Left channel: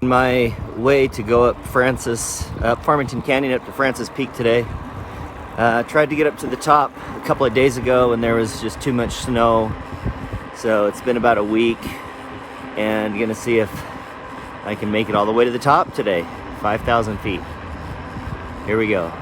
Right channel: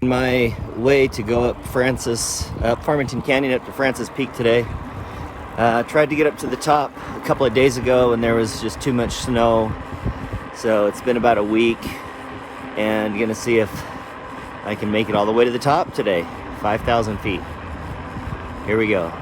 My way to go up Farmington Canyon up to Francis Peak today. Tried to get up to the top a couple of days ago and there was just too much snow. So it's been about a week and gonna see if I can make it all the way to the top today. 5,000 feet. Here we go.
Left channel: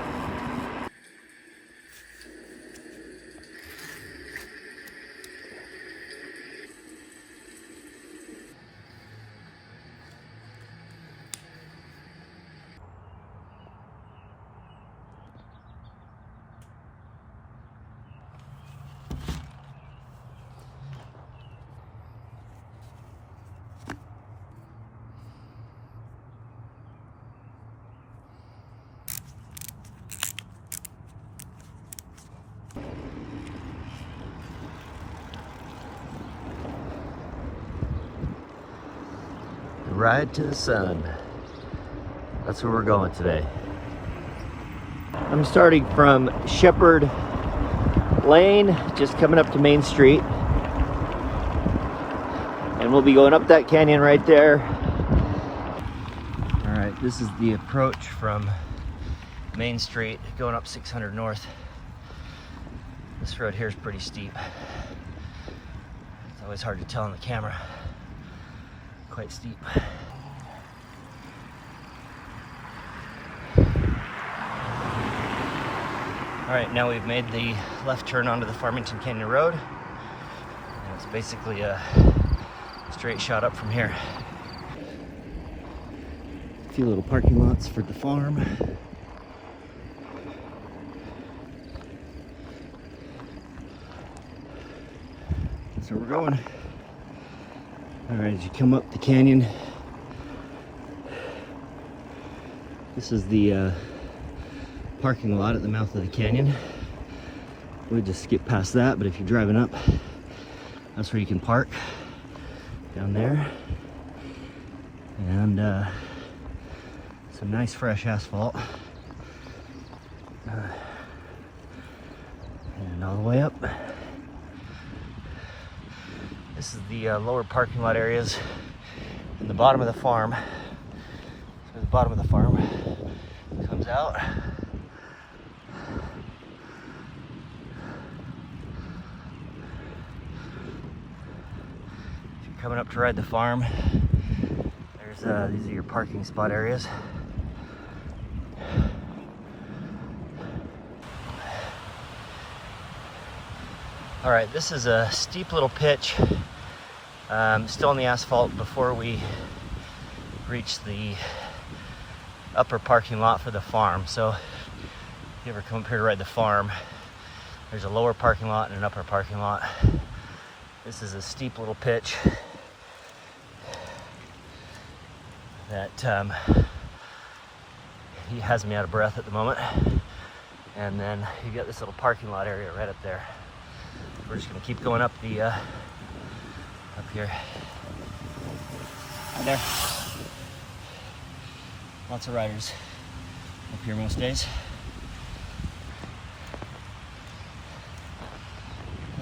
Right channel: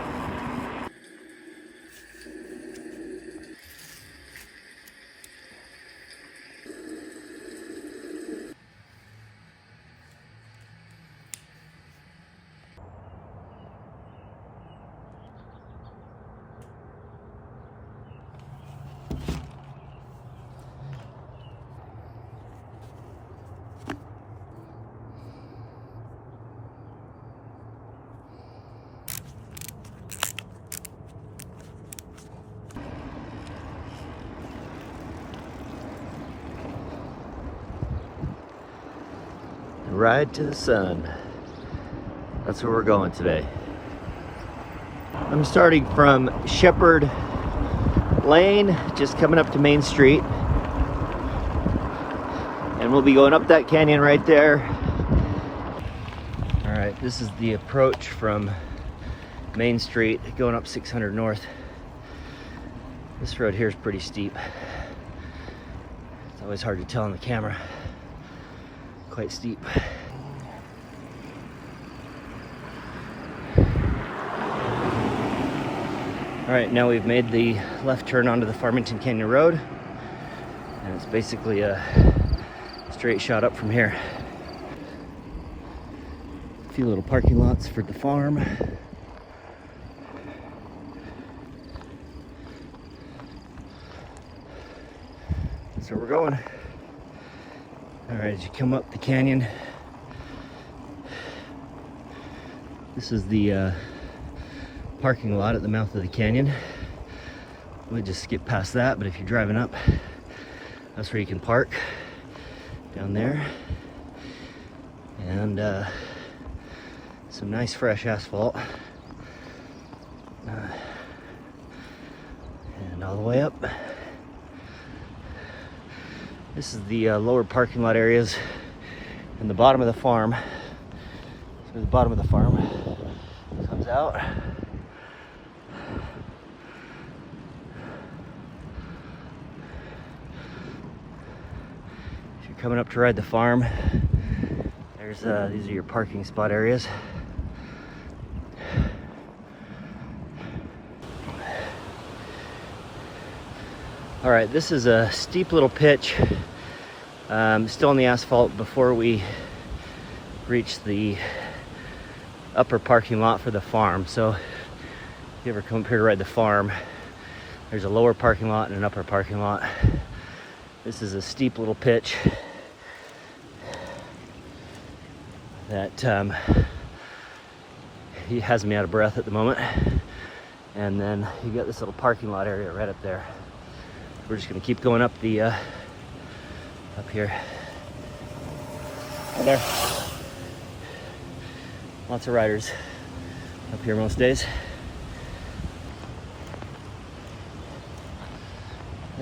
Ride to the sun. That's where we're going today. I'm starting from Shepherd Lane, just coming up to Main Street. And we'll be going up that canyon right there. All right, this is the approach from Main Street, going up 600 North. This road here is pretty steep. It's always hard to tell on the camera. Quite steep. Alright, now we've made the left turn onto the Farmington Canyon Road. And it's basically a straight shot up from here. A few little parking lots for the farm. That's where we're going. Alright, as you come up the canyon, this is the parking lot at the mouth of the canyon. We'll just skip past that, but if you're driving up, that's where you can park, down there. And some nice fresh asphalt. And all the way up. This is the lower parking lot areas in the bottom of the farm. So the bottom of the farm comes out. If you're coming up to ride the farm, these are your parking spot areas. All right, this is a steep little pitch. Still on the asphalt before we reach the upper parking lot for the farm. So if you ever come up here to ride the farm, there's a lower parking lot and an upper parking lot. This is a steep little pitch that has me out of breath at the moment. And then you get this little parking lot area right up there. We're just gonna keep going up the up here. Right there. Lots of riders up here most days.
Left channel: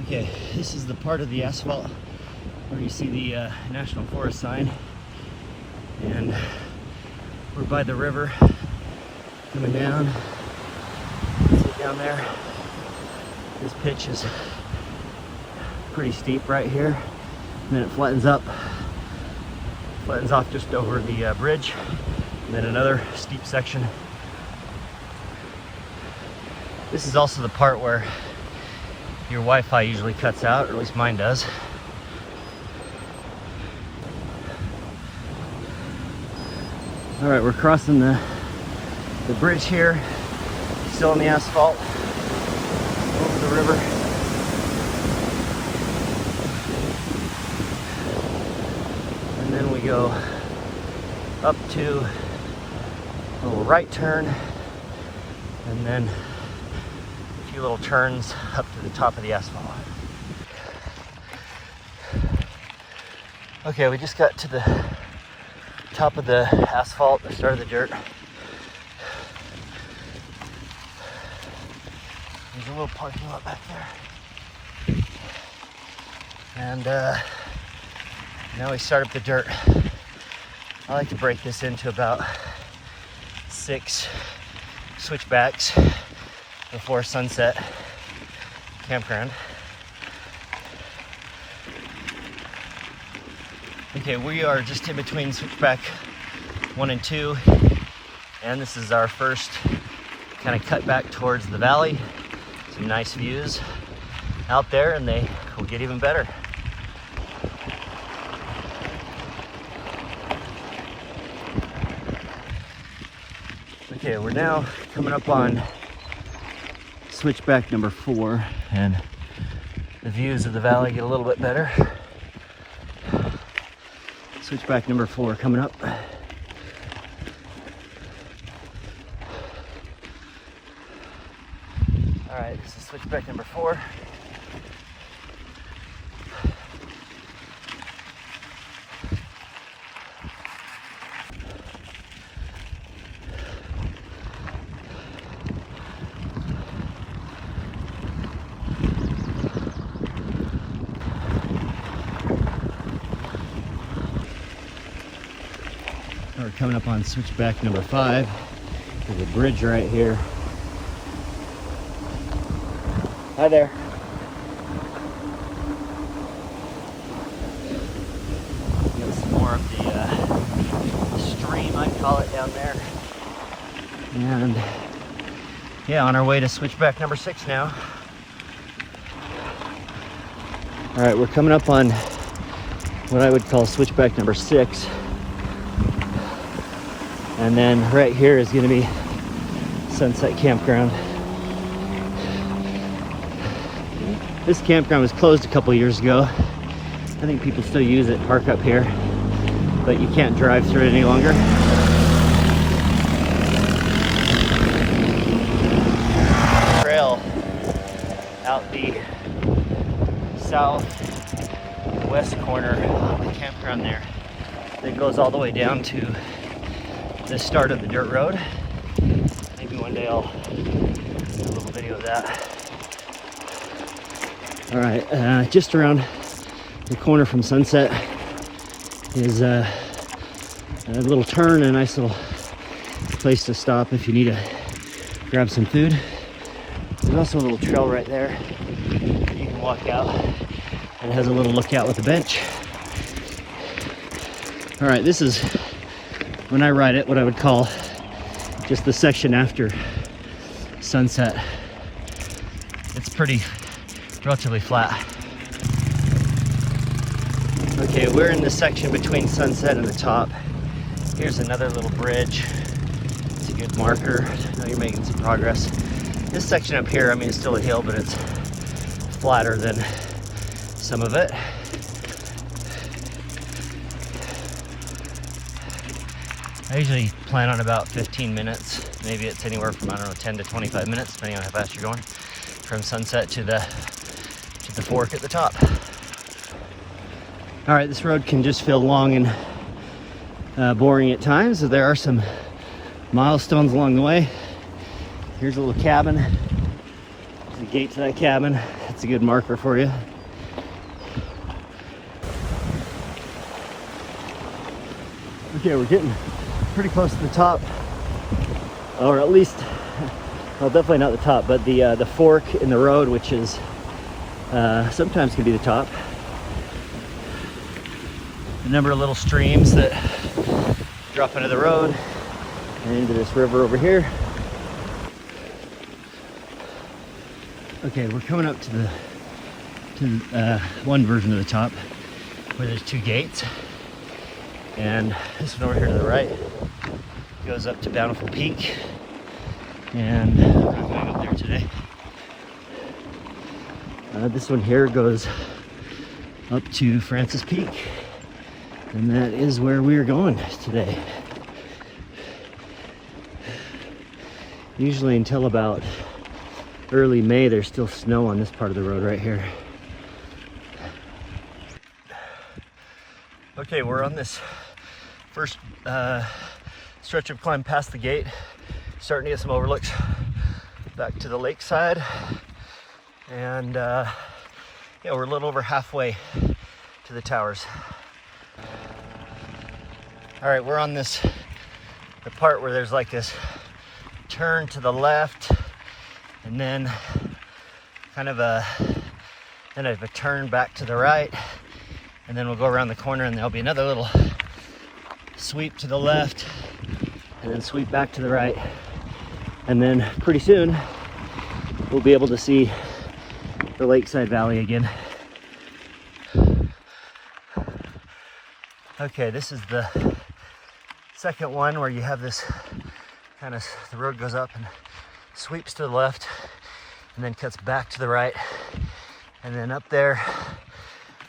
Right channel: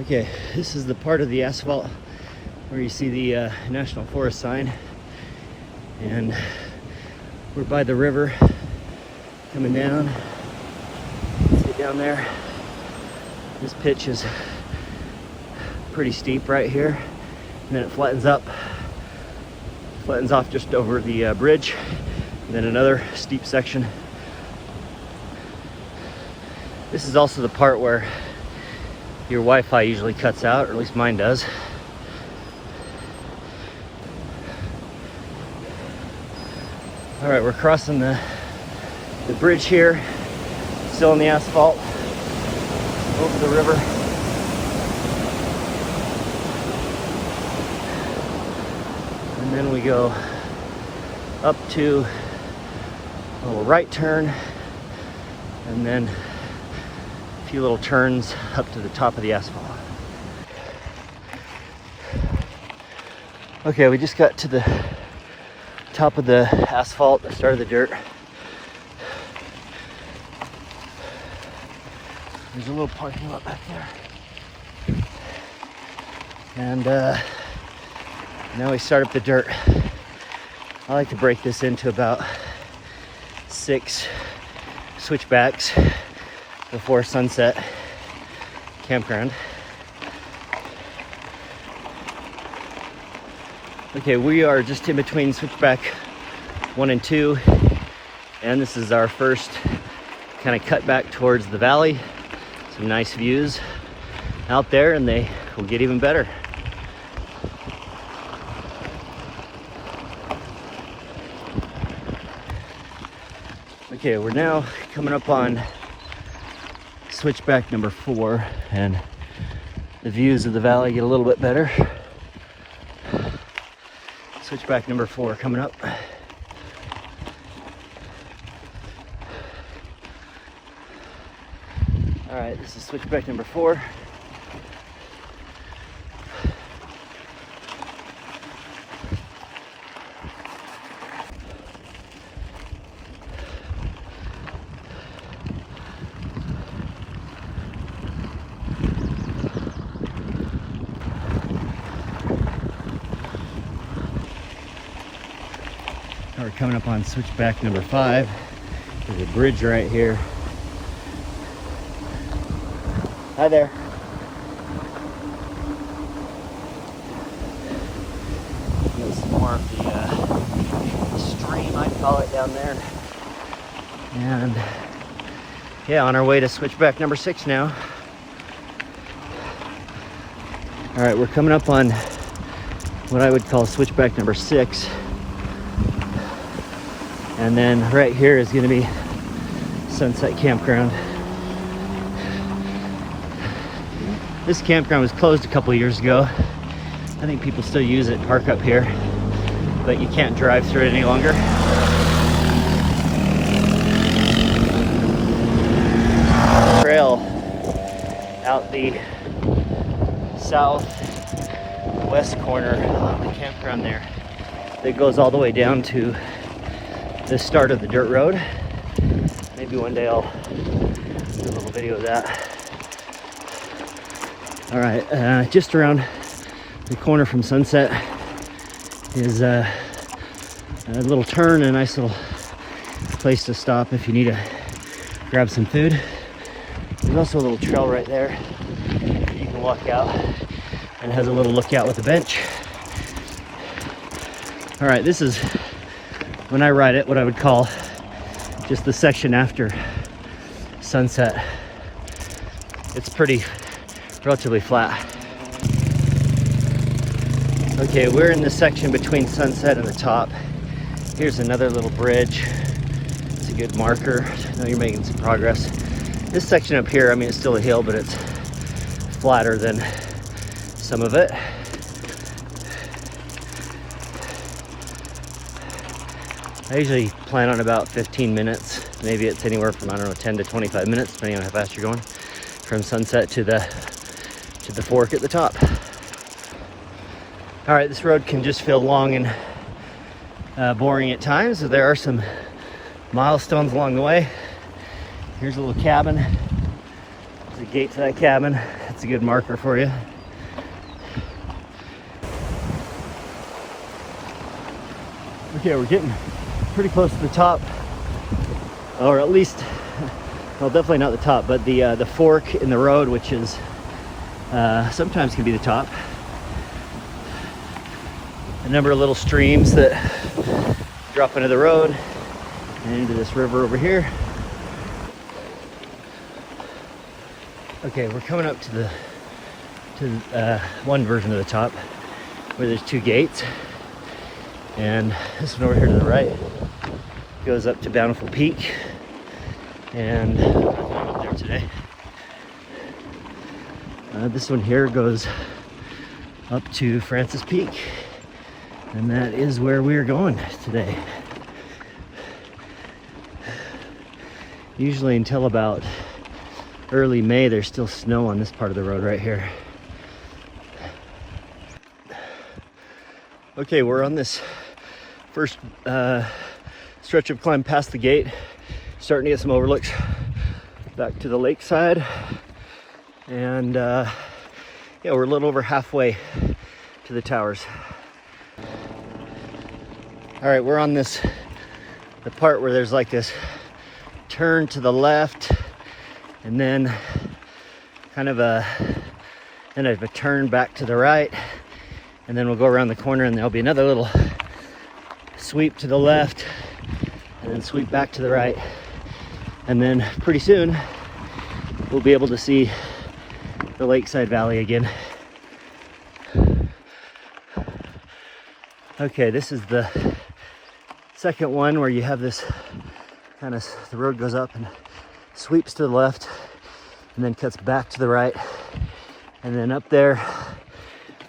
Okay, this is the part of the asphalt where you see the National Forest sign, and we're by the river coming down. Down there. This pitch is pretty steep right here, and then it flattens off just over the bridge, and then another steep section. This is also the part where your Wi-Fi usually cuts out, or at least mine does. All right, we're crossing the bridge here, still on the asphalt, over the river. And then we go up to a little right turn, and then a few little turns up to the top of the asphalt. Okay, we just got to the top of the asphalt, the start of the dirt. There's a little parking lot right there. And now we start up the dirt. I like to break this into about 6 switchbacks before sunset campground. Okay, we are just in between switchback 1 and 2, and this is our first kind of cut back towards the valley. Some nice views out there, and they will get even better. Okay, we're now coming up on switchback number 4, and the views of the valley get a little bit better. Switchback number 4 coming up. Alright, this is switchback number 4. We're coming up on switchback number 5. There's a bridge right here. Hi there. There's some more of the stream, I call it, down there. And yeah, on our way to switchback number 6 now. All right, we're coming up on what I would call switchback number 6. And then right here is going to be Sunset Campground. This campground was closed a couple years ago. I think people still use it, park up here, but you can't drive through it any longer. Trail out the southwest corner of the campground there. It goes all the way down to the start of the dirt road. Maybe one day I'll video that. All right, just around the corner from Sunset is a little turn, a nice little place to stop if you need to grab some food. There's also a little trail right there. You can walk out, and it has a little lookout with a bench. All right, this is, when I ride it, what I would call just the section after sunset. It's relatively flat. Okay, we're in the section between sunset and the top. Here's another little bridge. It's a good marker. We're making some progress. This section up here, I mean, it's still a hill, but it's flatter than some of it. I usually plan on about 15 minutes. Maybe it's anywhere from, I don't know, 10 to 25 minutes, depending on how fast you're going, from sunset to the fork at the top. All right, this road can just feel long and boring at times. So there are some milestones along the way. Here's a little cabin. There's a gate to that cabin. That's a good marker for you. Okay, we're getting pretty close to the top, or at least, well, definitely not the top, but the fork in the road, which is sometimes can be the top. A number of little streams that drop into the road and into this river over here. Okay, we're coming up to one version of the top where there's 2 gates. And this road on the right goes up to Bountiful Peak, and this one here goes up to Francis Peak, and that is where we're going today. Usually until about early May, there's still snow on this part of the road right here. Okay, we're on this first stretch of climb past the gate, starting to get some overlooks back to the lakeside, and yeah, we're a little over halfway to the towers. All right, we're on the part where there's like this turn to the left and then kind of a turn back to the right, and then we'll go around the corner and there'll be another little sweep to the left and sweep back to the right, and then pretty soon we'll be able to see the lakeside valley again. Okay, this is the second one where you have this kind of, the road goes up and sweeps to the left and then cuts back to the right, and then up there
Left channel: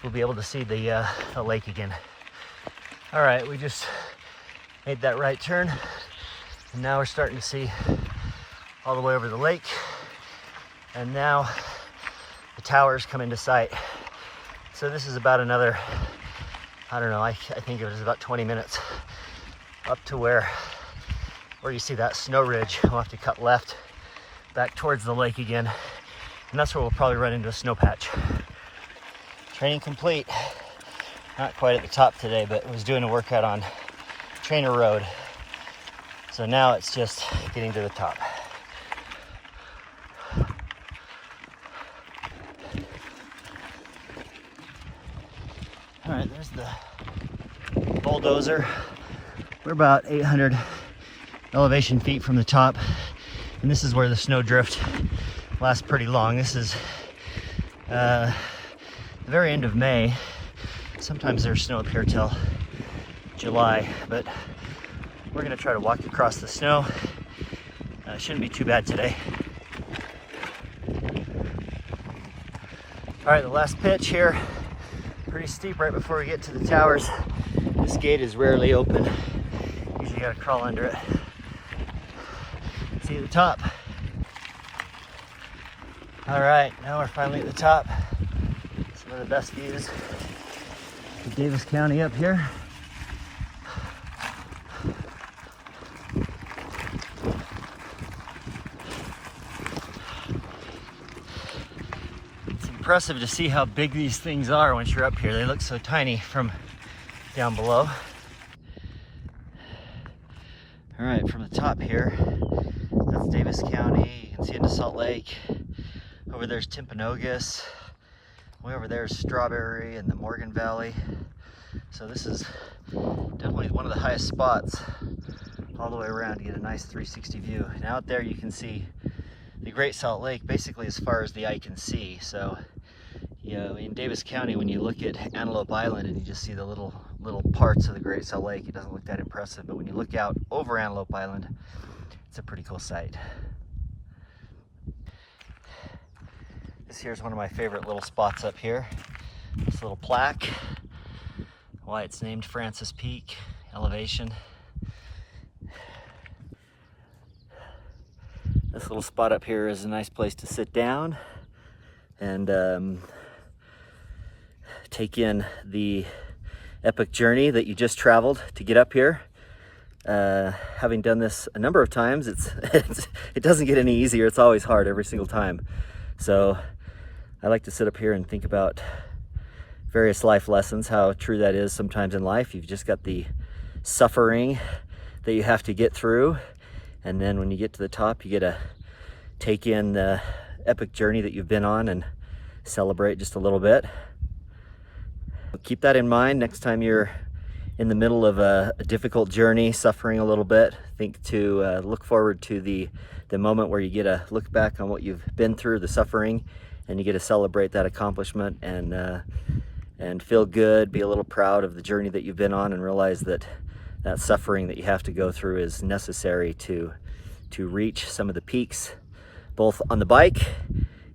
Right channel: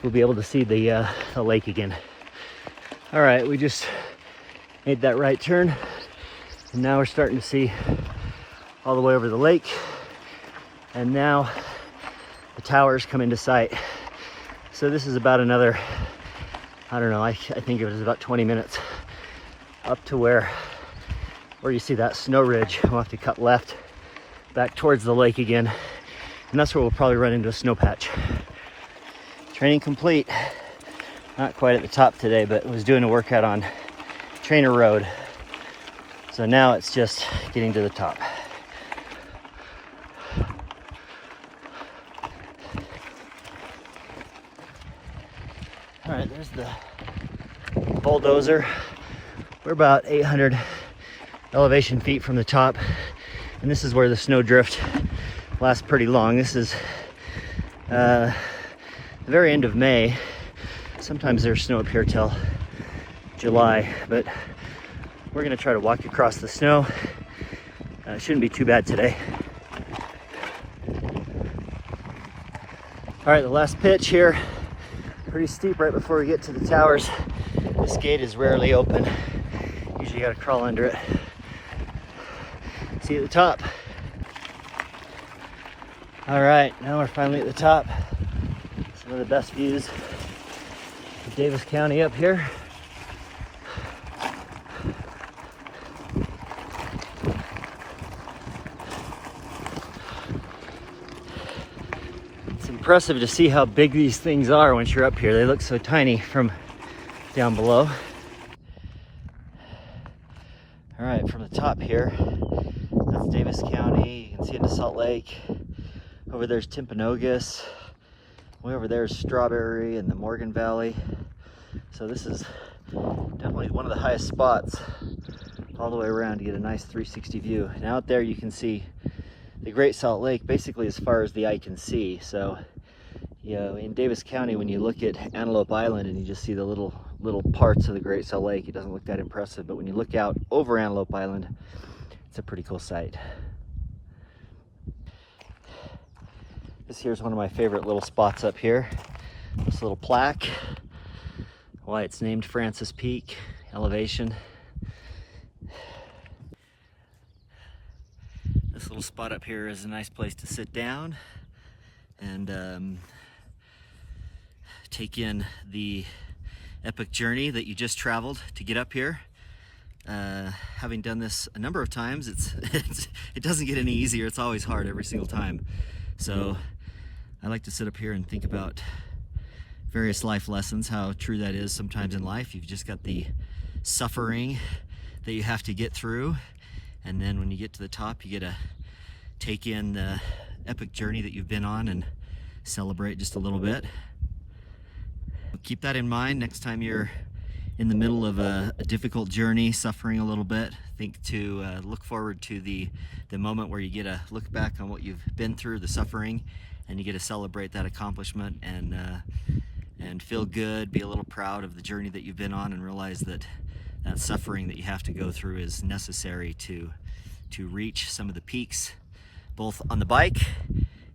you'll be able to see the lake again. All right, we just made that right turn and now we're starting to see all the way over the lake, and now the towers come into sight. So this is about another, I don't know, I think it was about 20 minutes up to where you see that snow ridge. We'll have to cut left back towards the lake again, and that's where we'll probably run into a snow patch. Training complete. Not quite at the top today, but was doing a workout on Trainer Road. So now it's just getting to the top. All right, there's the bulldozer. We're about 800 elevation feet from the top, and this is where the snow drift lasts pretty long. This is the very end of May. Sometimes there's snow up here till July, but we're gonna try to walk across the snow. It shouldn't be too bad today. All right, the last pitch here, pretty steep right before we get to the towers. This gate is rarely open. Usually you gotta crawl under it. See you at the top. All right, now we're finally at the top. Some of the best views of Davis County up here. It's impressive to see how big these things are once you're up here. They look so tiny from down below. All right, from the top here, that's Davis County. You can see into Salt Lake. Over there's Timpanogos. Way over there is Strawberry and the Morgan Valley. So this is definitely one of the highest spots all the way around to get a nice 360 view. And out there you can see the Great Salt Lake basically as far as the eye can see. So, you know, in Davis County, when you look at Antelope Island and you just see the little parts of the Great Salt Lake, it doesn't look that impressive. But when you look out over Antelope Island, it's a pretty cool sight. This here's one of my favorite little spots up here. This little plaque, why it's named Francis Peak elevation. This little spot up here is a nice place to sit down and take in the epic journey that you just traveled to get up here. Having done this a number of times, it doesn't get any easier. It's always hard every single time. So I like to sit up here and think about various life lessons, how true that is sometimes in life. You've just got the suffering that you have to get through, and then when you get to the top, you get to take in the epic journey that you've been on and celebrate just a little bit. Keep that in mind next time you're in the middle of a difficult journey, suffering a little bit. Think to look forward to the moment where you get to look back on what you've been through, the suffering, and you get to celebrate that accomplishment and feel good, be a little proud of the journey that you've been on, and realize that that suffering that you have to go through is necessary to reach some of the peaks, both on the bike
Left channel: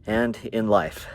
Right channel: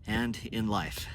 and in life.